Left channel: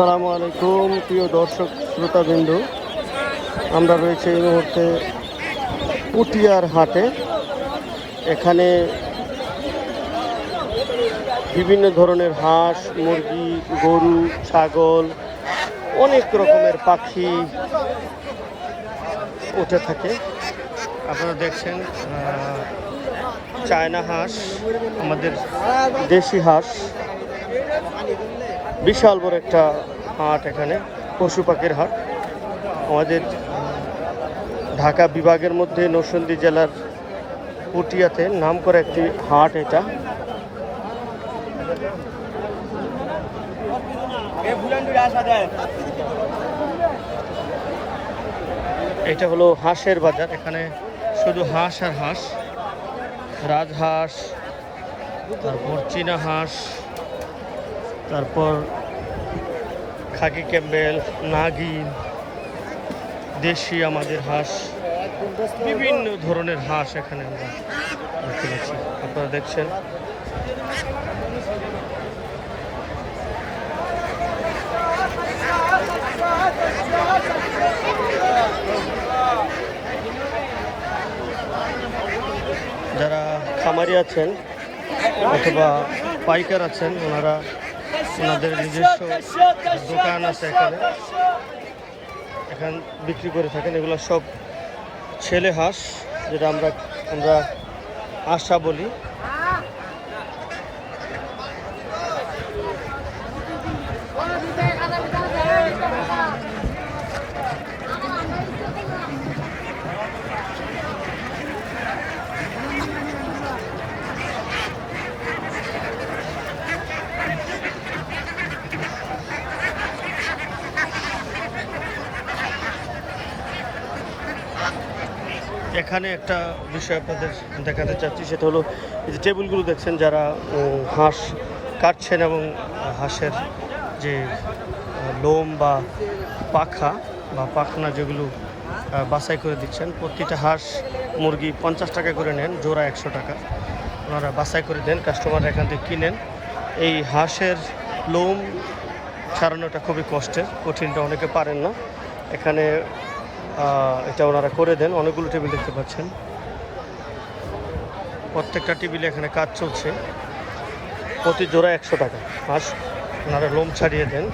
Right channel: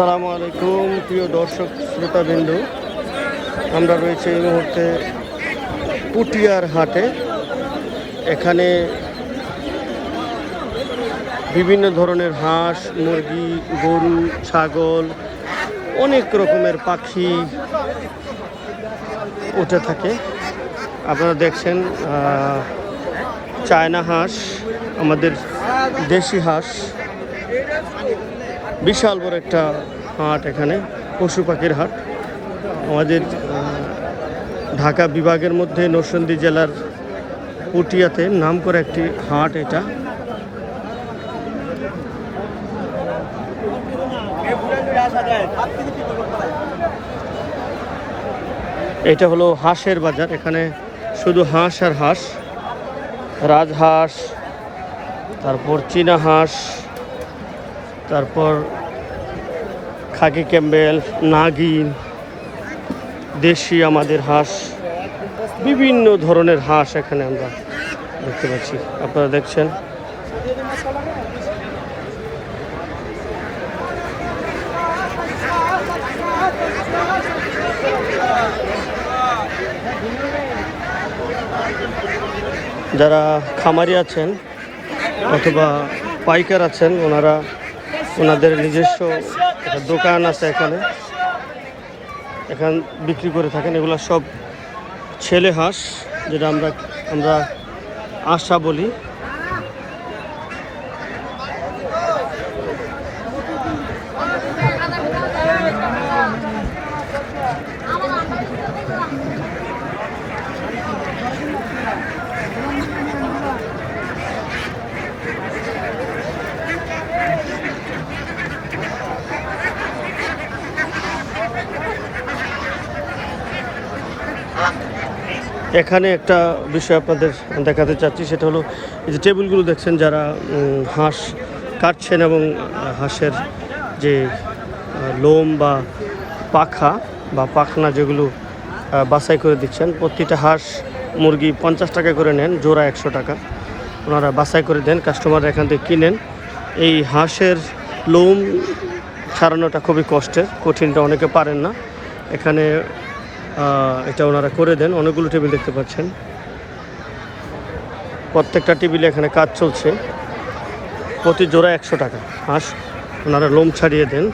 আসসালামু আলাইকুম প্রিয় দর্শক শ্রোতাবৃন্দ, আমরা রয়েছে এই মুহূর্তে পুটিয়ার হাটে। এখানে বিভিন্ন ধরনের হাঁস, মুরগি, গরু, ছাগল, অনেক রকমের পাখি উঠে থাকে। আপনারা দেখছেন চায়না হাঁস, আমাদের দেশি হাঁস, বিশাল বড় একটা হাট। এখানে পশু পাখির হাট। আমাদের ঢাকা বিভাগের মধ্যে নরসিংদী জেলার পুটিয়াতে নাম করা একটি হাট এটা। এটা হলো হাঁসের বাজার। এখানে শুধু হাঁস আর হাঁস, রাজহাঁস, তারপর চীনা হাঁস, তারপর খাকি ক্যাম্বেল, নাগিন, দেশি আমাদের হাঁস, বিভিন্ন ধরনের হাঁস এখানে আমরা দেখতে পাচ্ছি। আপনারা দেখছেন যারা খামারি আছেন অথবা পাইকার আছেন, ওনাদের নিজস্ব দোকান আছে এখানে বিক্রি করে থাকেন। এগুলো সব ছেলে হাঁস, যেটা আমরা আশা বলি। এখানে একটা বিষয় আপনাদের দেখাতে চাচ্ছি, সেটা হলো এই যে টেবিলগুলো দেখছেন, যারা হাঁস কাটছেন এবং হাঁসের যে লোম বা পাখা বা পাখনা যেগুলো বাছাই করে দিচ্ছেন। প্রতিটা হাঁস মুরগি 50 টাকা করে নেন, জোড়া 100 টাকা। ওনারা বাছাই করে দেন, কাস্টমাররা এখান থেকে কিনেন। এই হাঁসের লোম ছাড়ানোটা খুবই কঠিনটা অনেকে পারেন না। এখানে এটা ওনারা করে দেন। অনেকগুলো টেবিল দেখতে পাচ্ছেন, প্রত্যেকটা টেবিলে এখানে কাজ চলছে। প্রতি জোড়া 100 টাকা হাঁস ওনারা লোম ছাড়িয়ে দেন।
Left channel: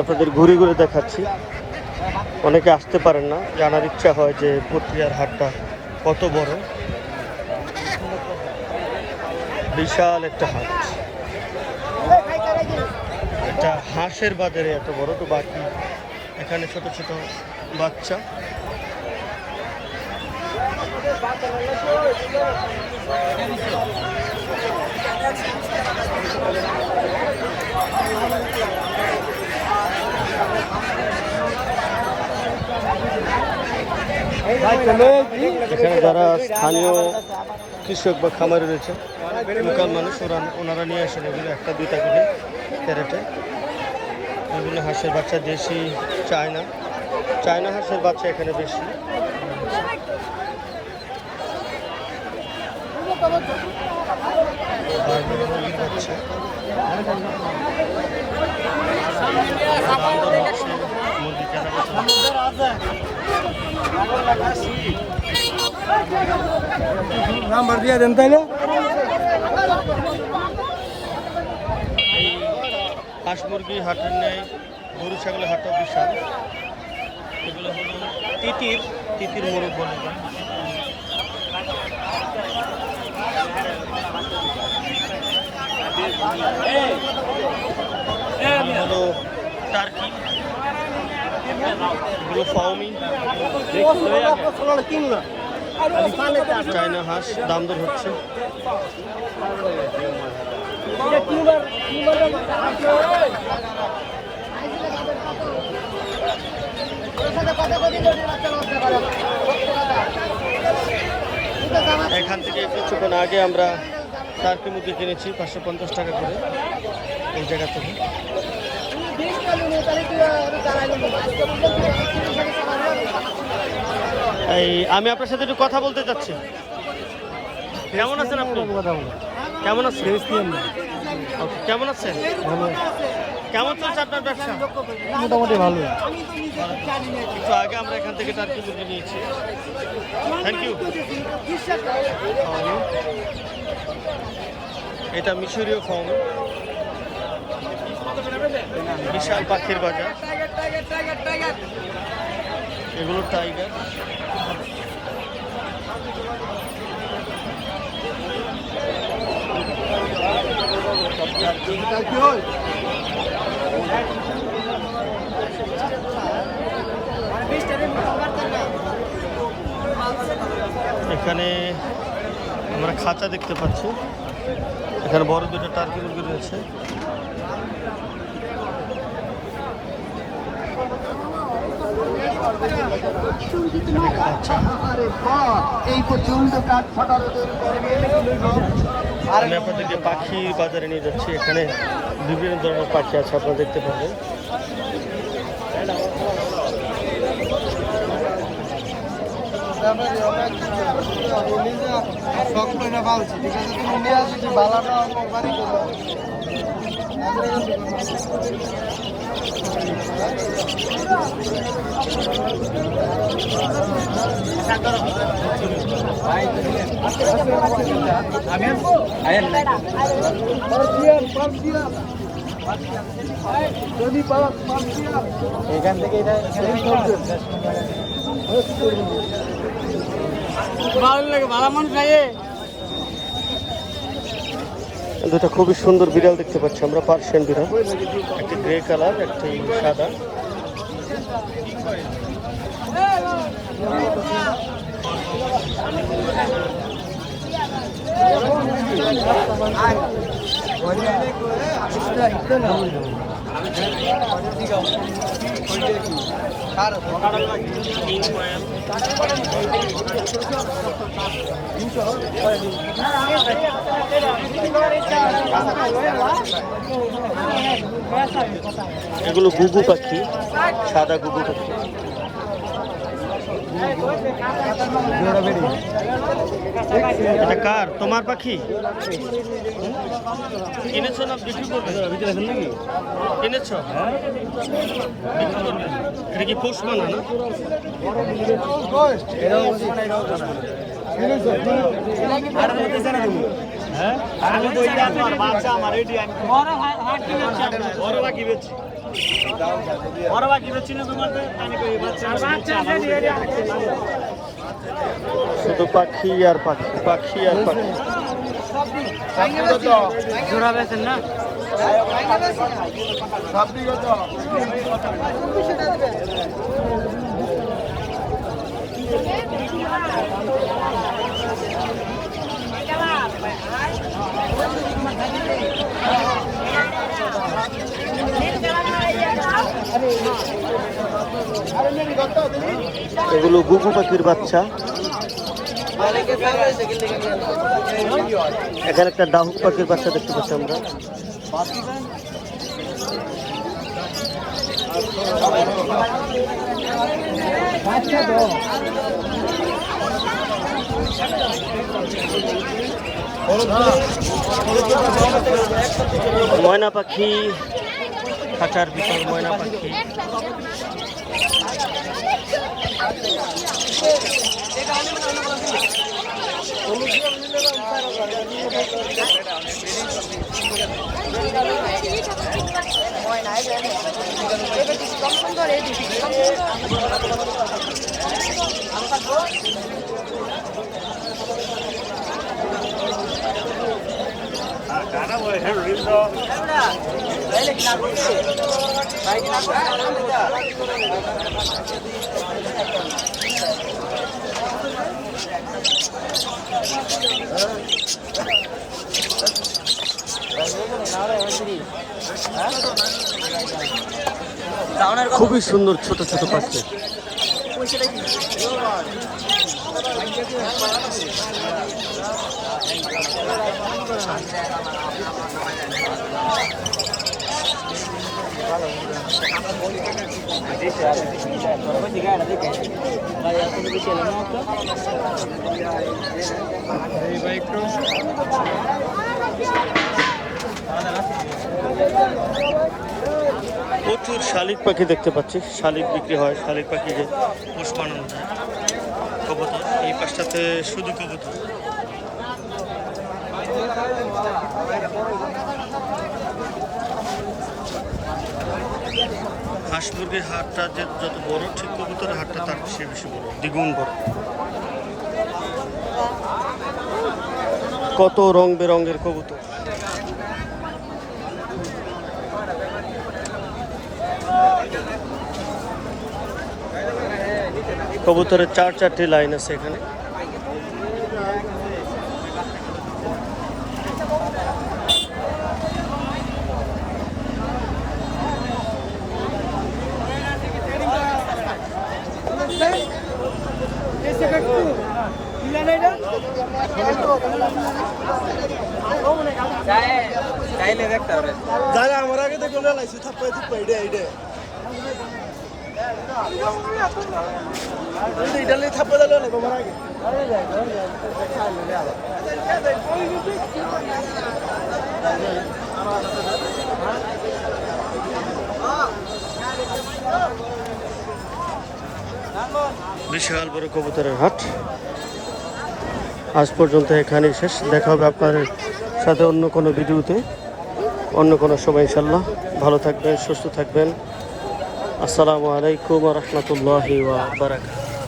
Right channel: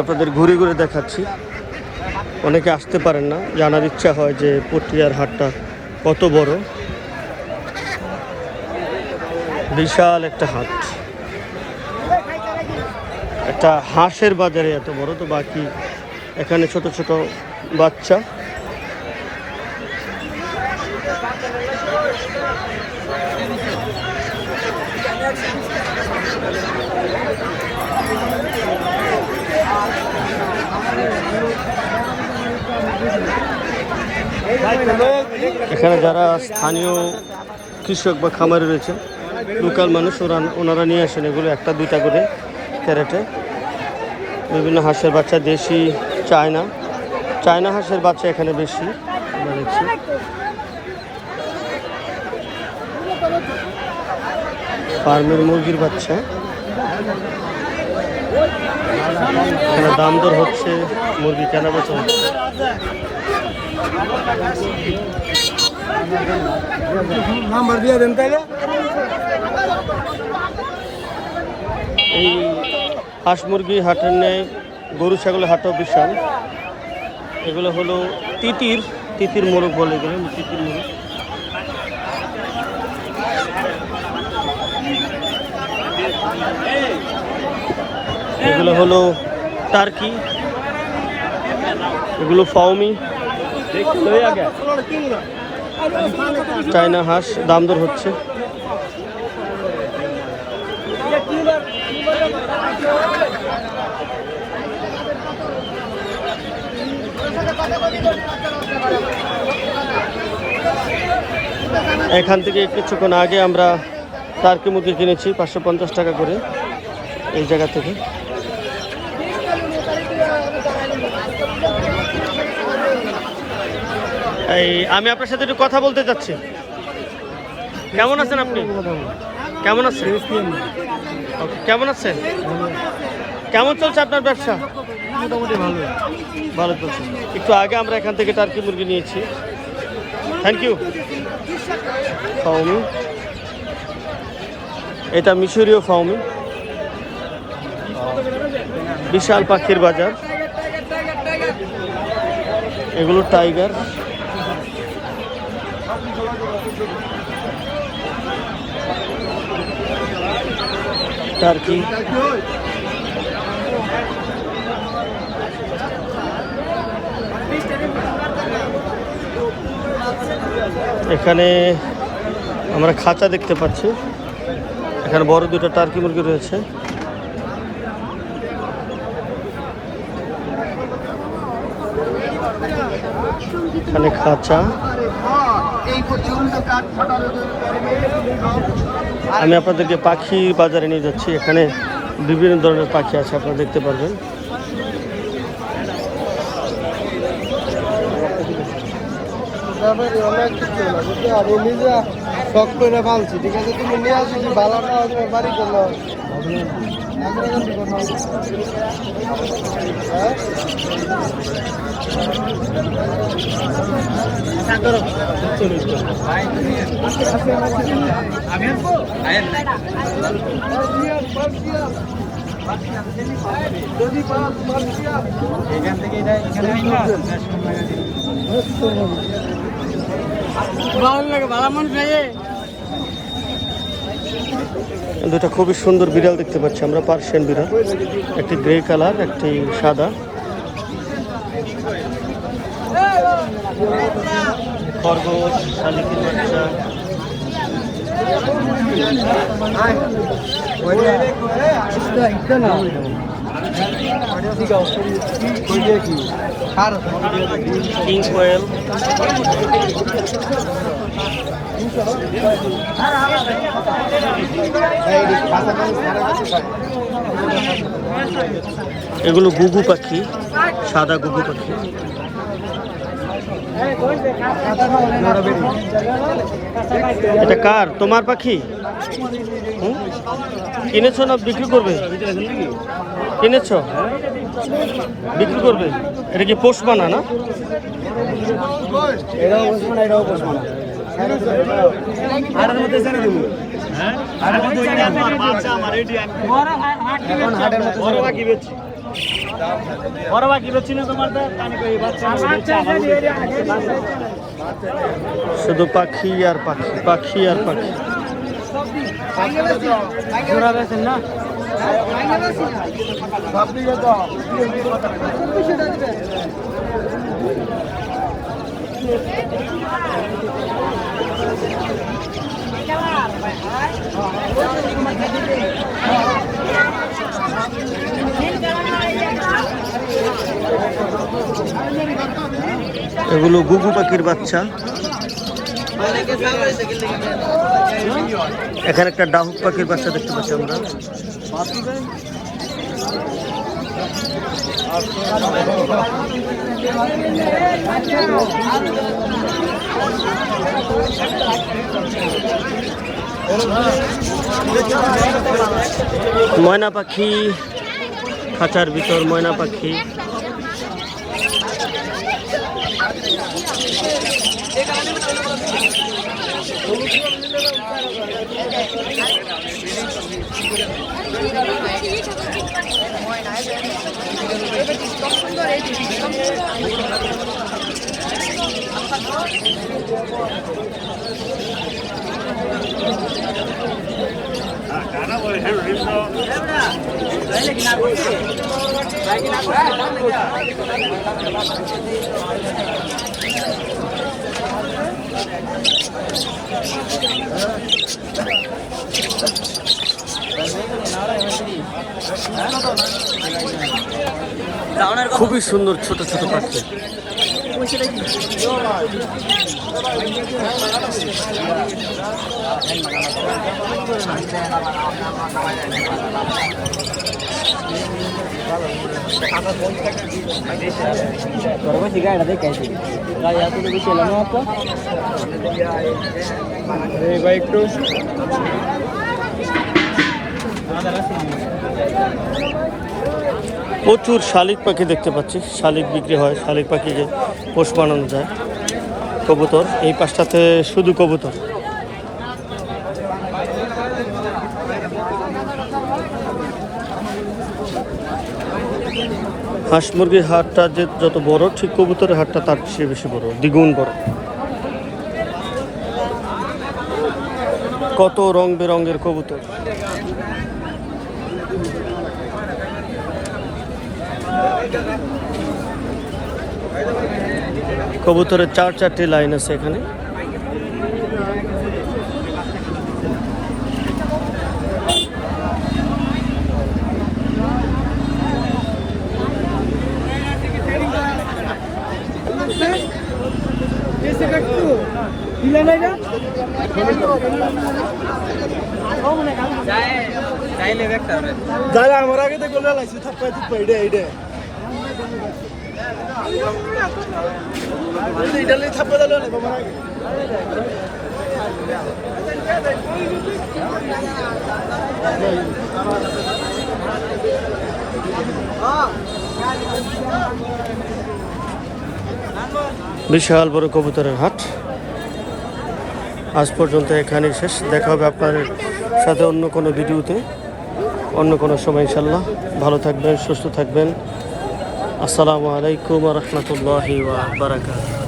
আপনাদের ঘুরে ঘুরে দেখাচ্ছি, অনেকে আসতে পারেন না, জানার ইচ্ছা হয় যে পুটিয়ার হাটটা কত বড়। বিশাল একটা হাট, একটা হাঁসের বাজারে এত বড়, তো বাকি এখানে ছোট ছোট বাচ্চা। এখানে যারা স্থানীয় কৃষক বা খামারি রয়েছে, লোকাল মানুষ, ওনারা নিয়ে আসেন এগুলো 1-2টা করে ক্যারেটে। বিভিন্ন হাঁসের বাচ্চা, দেশি, চায়না হাঁসের বাচ্চা এখানে বেশি আমরা দেখছি। ফার্মের মুরগির বাচ্চা দাম দর হচ্ছে, মুরগি কেনা বেচা হচ্ছে। নাম্বার দিয়ে দেন তাইলে। এই হাঁস মুরগি হাটের নেই, গরু ছাগলের হাটও বিশাল। এগুলো হলো তিতির মোরগ বলে, এগুলো তিতির মোরগ। এগুলো হলো টার্কি, এগুলো ফাউমি, চায়না হাঁস দাম দর হচ্ছে। এখান থেকে কিছুক্ষণ আগে আমরা টার্কি মুরগি কিনেছি 550 টাকা করে এই জায়গা থেকে। আমি আপনার সাথে একটু কথা বলতে চাচ্ছি। কেমন আছেন আপনি? কেমন আছেন? ওকে, কেমন আছেন? কেমন চলছে আপনার ব্যবসা? মোটামুটি ভালো। ভালো চলছে। একটু আগে আমরা এখান থেকে টার্কি মুরগি নিয়েছি। Thank you. ফাউমি, এটা মিশরীয় ফাউমি। বিশাল পাখির বাজার। এগুলো টাইগার। টার্কি, এখানে আমরা খাঁচা দেখতে পাচ্ছি। এখানে বড় দুটো টার্কি মুরগি রয়েছে। এখানে খাঁচা। আমি আপনাদেরকে পাখি বাজারে নিয়ে যাচ্ছি। এখানে বিভিন্ন ধরনের পাখি আছে, আপনারা দেখতে পারবেন। ব্যাপারে অনেক কিছু আমি নিজে শখ করে পালছি, ঠিক আছে? তুমি নিয়ে আসি কি বালাটা তোমার বাড়ি করলো। খুবই সুন্দর বিড়াল দেখতে পাচ্ছি আমরা, পার্সিয়ান বিড়াল। একটি গ্রে কালার, একটি সাদা। খরগোশ, শালিকের বাচ্চা। কিং কোয়েল। এগুলো গুগু পাখি, সাদা গুগু পাখি। এটা কার? তোমার পাখি? কিনেছো না বিক্রি করবে? কিনেছো, বিক্রি করবে? এটা কি পোষ বানা না? শুধু পাখি আর পাখি, পাখি আর পাখি। জোড়া বেছেন না? এগুলো গুগু পাখির বাচ্চা। এখানে একটা ডাহুক পাখির বাচ্চা দেখতে পাচ্ছি আমরা। ময়না পাখি, খাঁচার ভিতর ময়না পাখি। খুবই সুন্দর ছোট ছোট পাখি। এই ভাই একটু প্রচুর শালিক পাখি দেখতে পাচ্ছি, শালিক বিক্রি হয়, শালিক পাখি যে পোষ বানানো যায়। কবুতর এই পাশটাতে শুধু কবুতর। হাঁস মুরগির হাটটা যে যত বড়, ঠিক কবুতরের হাটটা তার চেয়ে বেশি বড়, দ্বিগুণ বড়। কত রং বেরঙের কবুতর। কবুতরের 4-4টি লাইন আছে এখানে। বিশাল বড় কবুতরের হাট। আজ পর্যন্ত এখানে শেষ। দেখা হবে আপনার সাথে অন্য কোনো ভিডিওতে, অন্য কোনো সময় ইনশাল্লাহ। ভালো থাকবেন, সুস্থ থাকবেন। আসসালামু আলাইকুম ওয়া রাহমাতুল্লাহি ওয়া বারাকাতুহু।